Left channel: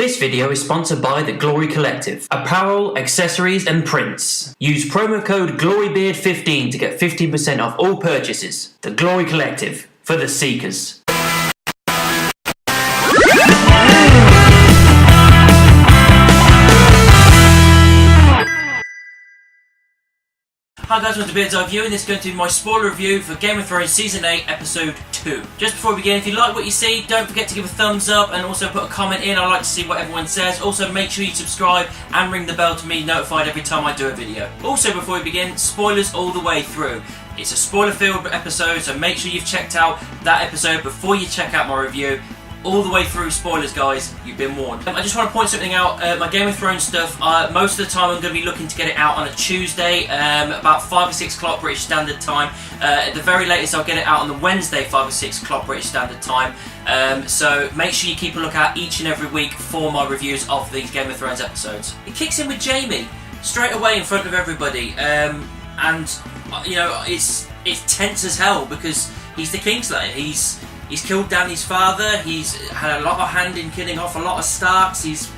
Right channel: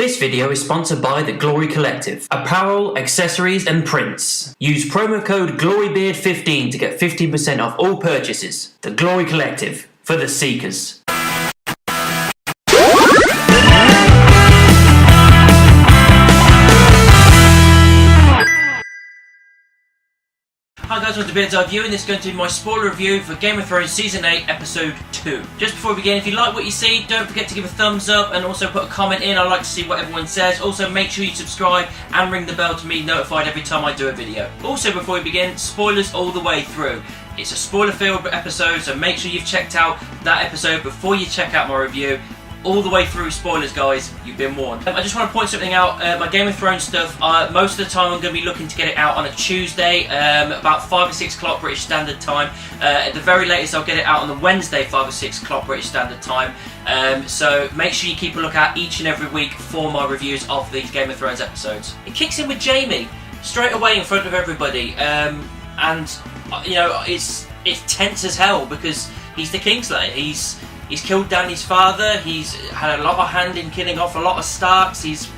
This video is sponsored by The Glory Collective. Apparel, accessories and prints. Use promo code GLORYBEARD15 to get 15% off all purchases. The Glory Collective, for the seekers. Hi guys, welcome to Beard's Eye View, and this is going to be my spoiler review for Game of Thrones Season 8, Episode 2. Just before we begin, if you like what you see, don't forget to give a thumbs up and also put a comment in. I like to see what everyone says. Also, make sure you subscribe and ring the bell to be notified every time I do a video. Also, before we begin, spoilers all the way through. It's a spoiler-filled episode, so make sure you've checked out that episode before you check out my review. All the way through spoilers, guys. You've been warned. I just want to point something out. My Game of Thrones stuff, most of the time I'm going to be looking to get it out on a Tuesday, about 5 or 6 o'clock British Standard Time. At the very latest, I'll get it out on the Wednesday, 5 or 6 o'clock British Standard Time. So make sure you keep a lookout each and every week for my reviews of these Game of Thrones episodes. It kicks in with Jaime straight away in front of everybody, and you know it's tense as hell because he's the Kingslayer. He's killed Dany's father. He's had a lot of hand in killing off a lot of Starks. He's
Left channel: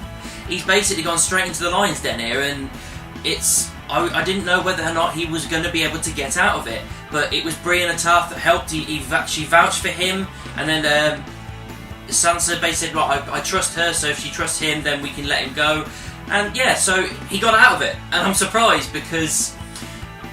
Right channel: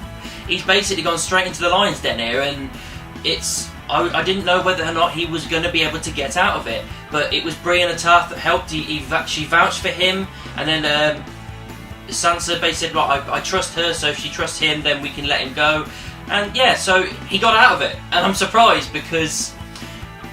basically gone straight into the lion's den here, and I didn't know whether or not he was going to be able to get out of it, but it was Brienne of Tarth that helped. She vouched for him, and then Sansa basically said, "Well, I trust her, so if she trusts him, then we can let him go." And yeah, so he got out of it, and I'm surprised because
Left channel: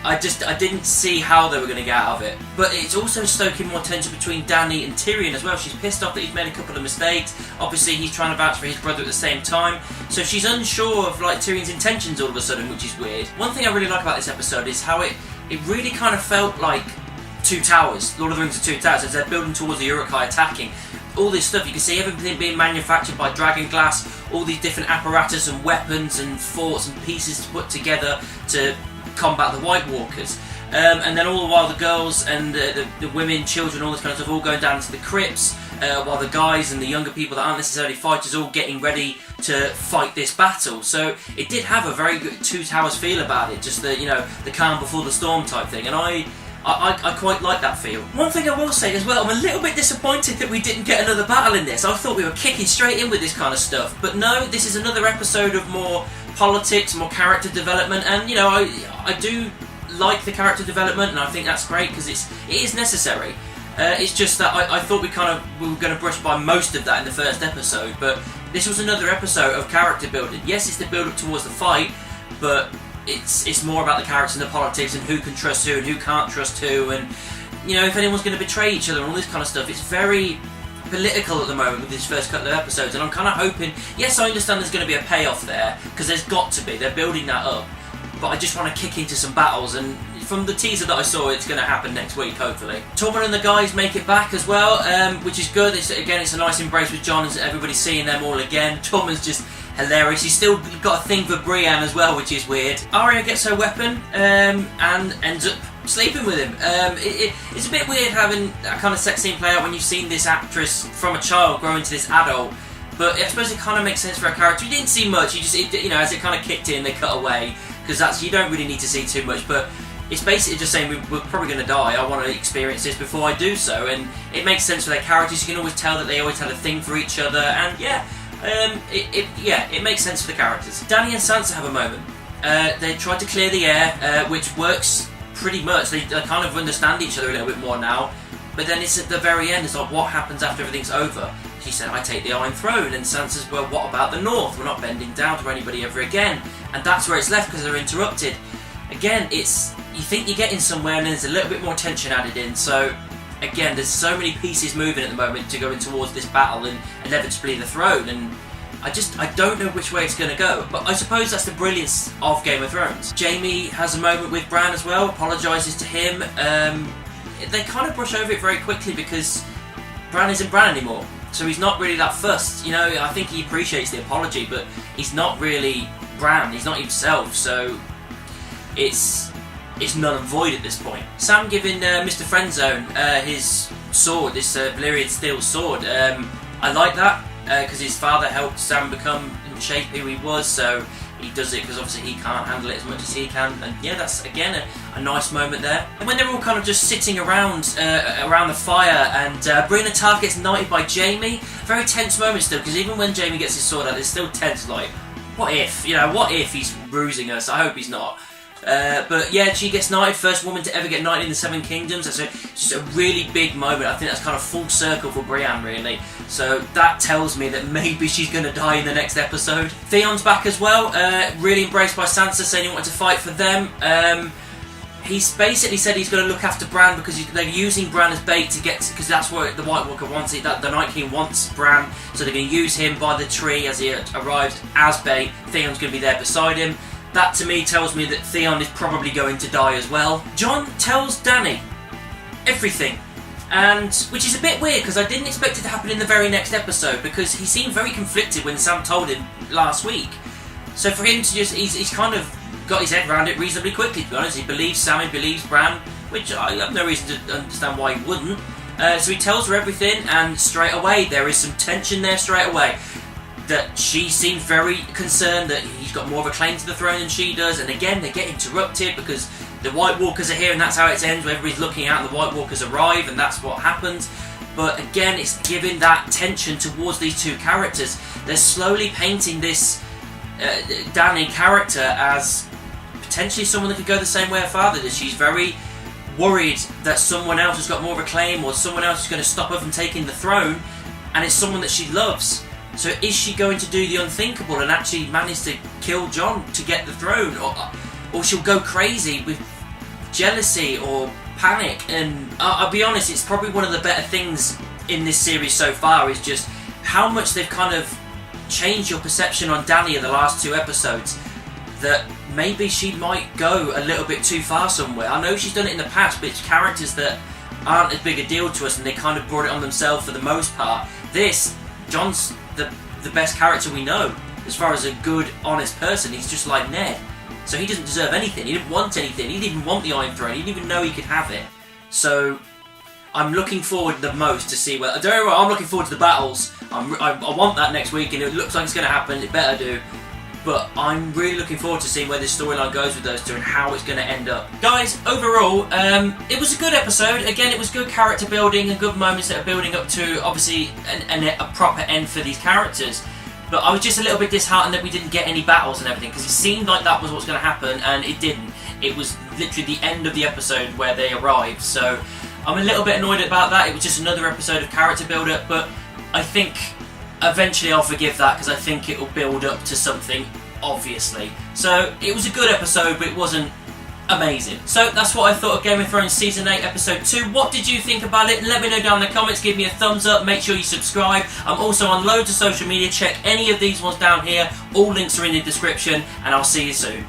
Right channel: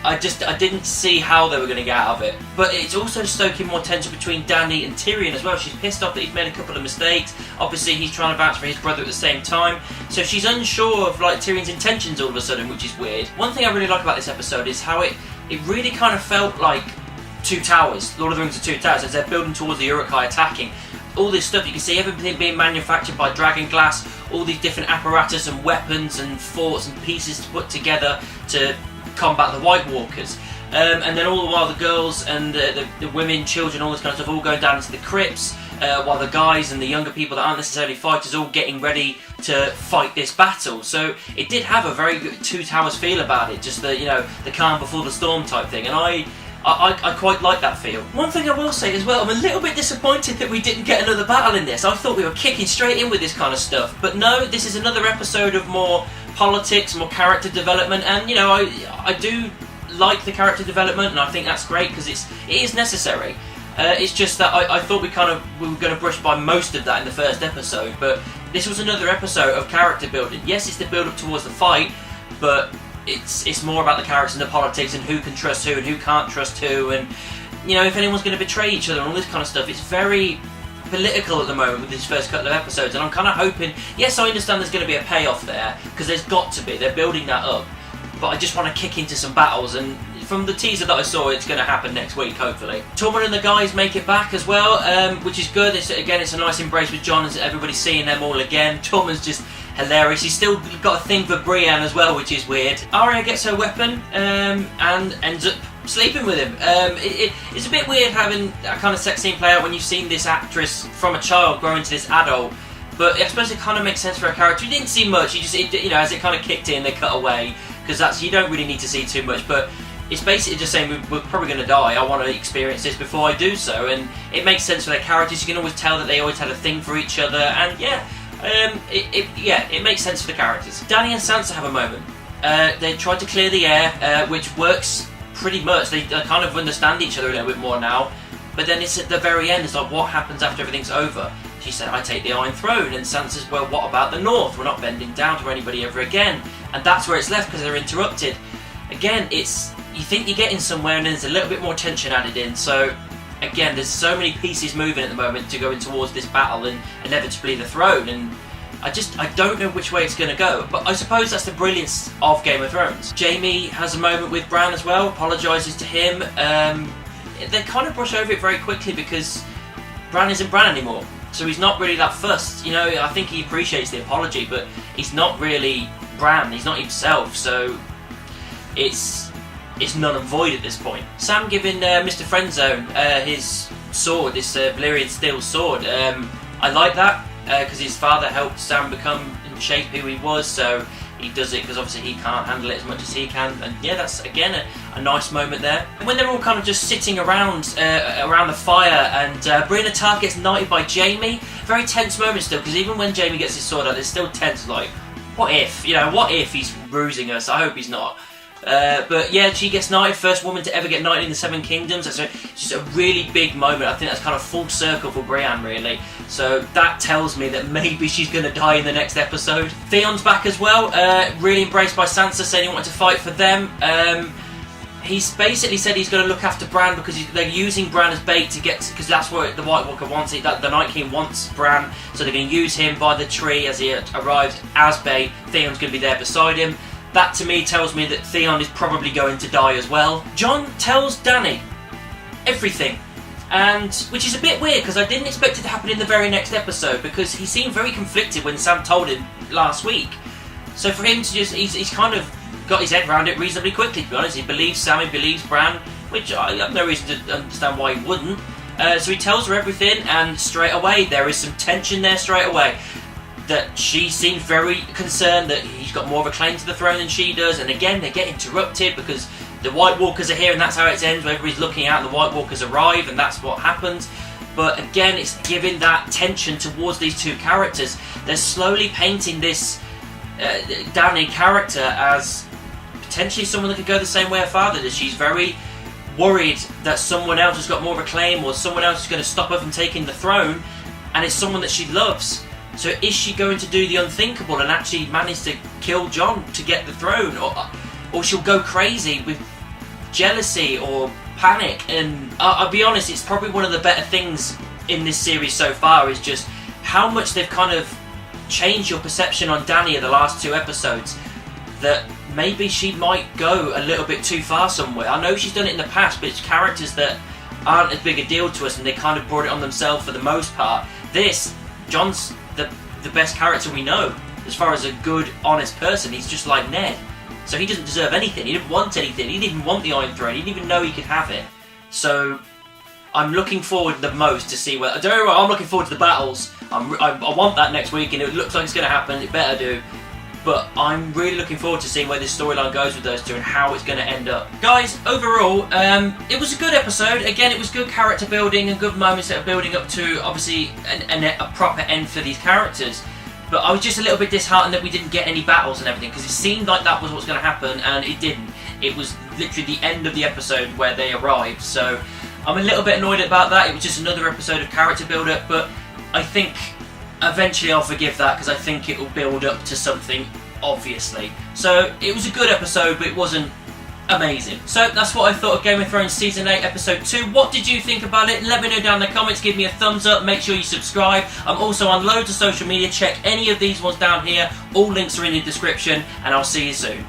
I didn't see how they were going to get out of it. But it's also stoking more tension between Dany and Tyrion as well. She's pissed off that he's made a couple of mistakes. Obviously, he's trying to vouch for his brother at the same time. So she's unsure of like Tyrion's intentions all of a sudden, which is weird. One thing I really like about this episode is how it really kind of felt like Two Towers. Lord of the Rings of Two Towers, as they're building towards the Uruk-hai attacking. All this stuff, you can see everything being manufactured by Dragon Glass, all these different apparatus and weapons and forts and pieces to put together to combat the White Walkers, and then all the while the girls and the women, children, all this kind of stuff all going down into the crypts, while the guys and the younger people that aren't necessarily fighters all getting ready to fight this battle. So it did have a very good Two Towers feel about it, just the calm before the storm type thing, and I quite like that feel. One thing I will say as well, I'm a little bit disappointed that we didn't get another battle in this. I thought we were kicking straight in with this kind of stuff, but no, this is another episode of more politics, more character development, and I do like the character development, and I think that's great because it is necessary. It's just that I thought we were going to brush by most of that in the first episode, but this was another episode of character building. Yes, it's the build up towards the fight, but it's more about the characters and the politics and who can trust who and who can't trust who, and if anyone's going to betray each other and all this kind of stuff. It's very political at the moment with these first couple of episodes, and I'm kind of hoping, yes, I understand there's going to be a payoff there, because there's got to be, they're building that up, but I just want to kick into some battles, and from the teaser that I saw, it's going to happen next week, hopefully. Tormund and the guys make it back as well, which is good. It's a nice embrace with Jon, as everybody's seeing them all again. Tormund's just hilarious. He's still got a thing for Brienne as well, which is weird. Arya gets her weapon and ends up sleeping with him. It's a bit weird having that kind of sex scene play out when you've seen this actress from a child grow into this adult, but I suppose it kind of makes sense for a character. You didn't see much, as it kind of kicked in, they cut away, because you don't really need to see too much, but it's basically just saying we're probably going to die, I want to experience this before I do so, and it makes sense for their characters. You can always tell that they always had a thing for each other, and it makes sense for the characters. Dany and Sansa have a moment. They tried to clear the air, which works pretty much. They kind of understand each other a little bit more now, but then it's at the very end, it's like, what happens after everything's over? She said, I take the Iron Throne, and Sansa says, well, what about the North? We're not bending down to anybody ever again. And that's where it's left, because they're interrupted. Again, you think you're getting somewhere, and there's a little bit more tension added in, so again, there's so many pieces moving at the moment to go in towards this battle and inevitably the throne, and I don't know which way it's going to go, but I suppose that's the brilliance of Game of Thrones. Jaime has a moment with Bran as well, apologises to him. They kind of brush over it very quickly because Bran isn't Bran anymore, so he's not really that fussed. I think he appreciates the apology, but he's not really Bran, he's not himself, so it's null and void at this point. Sam giving Mr. Friendzone his sword, this Valyrian steel sword. I like that because his father helped Sam become and shape who he was, so he does it because obviously he can't handle it as much as he can. And yeah, that's again a nice moment there. And when they're all kind of just sitting around the fire, and Brienne of Tarth gets knighted by Jaime, very tense moment still, because even when Jaime gets his sword out, it's still tense. Like, what if? What if he's bruising us? I hope he's not. But yeah, she gets knighted, first woman to ever get knighted in the Seven Kingdoms. That's just a really big moment. I think that's kind of full circle for Brienne, really. So that tells me that maybe she's going to die in the next episode. Theon's back as well, really embraced by Sansa, saying he wanted to fight for them. He's basically said he's going to look after Bran because they're using Bran as bait to get, because that's what the White Walker wants. That the Night King wants Bran, so they're going to use him by the tree as he arrives as bait. Theon's going to be there beside him. That to me tells me that Theon is probably going to die as well. Jon tells Dany everything, and which is a bit weird because I didn't expect it to happen in the very next episode, because he seemed very conflicted when Sam told him last week. So for him to just, he's kind of got his head around it reasonably quickly, to be honest. He believes Sam, he believes Bran, which I have no reason to understand why he wouldn't. So he tells her everything, and straight away there is some tension there straight away. That she seems very concerned that he's got more of a claim to the throne than she does, and again they get interrupted because the White Walkers are here, and that's how it ends, where everybody's looking out and the White Walkers arrive, and that's what happens. But again, it's giving that tension towards these two characters. They're slowly painting this Dany character as potentially someone that could go the same way her father did. She's very worried that someone else has got more of a claim, or someone else is going to stop her from taking the throne, and it's someone that she loves. So is she going to do the unthinkable and actually manage to kill Jon to get the throne? Or she'll go crazy with jealousy or panic? And I'll be honest, it's probably one of the better things in this series so far, is just how much they've kind of changed your perception on Dany in the last 2 episodes. That maybe she might go a little bit too far somewhere. I know she's done it in the past, but it's characters that aren't as big a deal to us, and they kind of brought it on themselves for the most part. Jon's the best character we know as far as a good, honest person. He's just like Ned, so he doesn't deserve anything. He didn't want anything. He didn't even want the Iron Throne. He didn't even know he could have it. So I'm looking forward the most to see where. Don't get me wrong, I'm looking forward to the battles. I want that next week, and it looks like it's going to happen. It better do. But I'm really looking forward to seeing where this storyline goes with those two and how it's going to end up. Guys, overall, it was a good episode. Again, it was good character building and good moments that are building up to, obviously, a proper end for these characters. But I was just a little bit disheartened that we didn't get any battles and everything, because it seemed like that was what's going to happen, and it didn't. It was literally the end of the episode where they arrived. So I'm a little bit annoyed about that. It was just another episode of character build-up, but I think eventually I'll forgive that, because I think it will build up to something, obviously. So it was a good episode, but it wasn't amazing. So that's what I thought of Game of Thrones Season 8 Episode 2. What did you think about it? Let me know down in the comments. Give me a thumbs up. Make sure you subscribe. I'm also on loads of social media. Check any of these ones down here. All links are in the description, and I'll see you soon.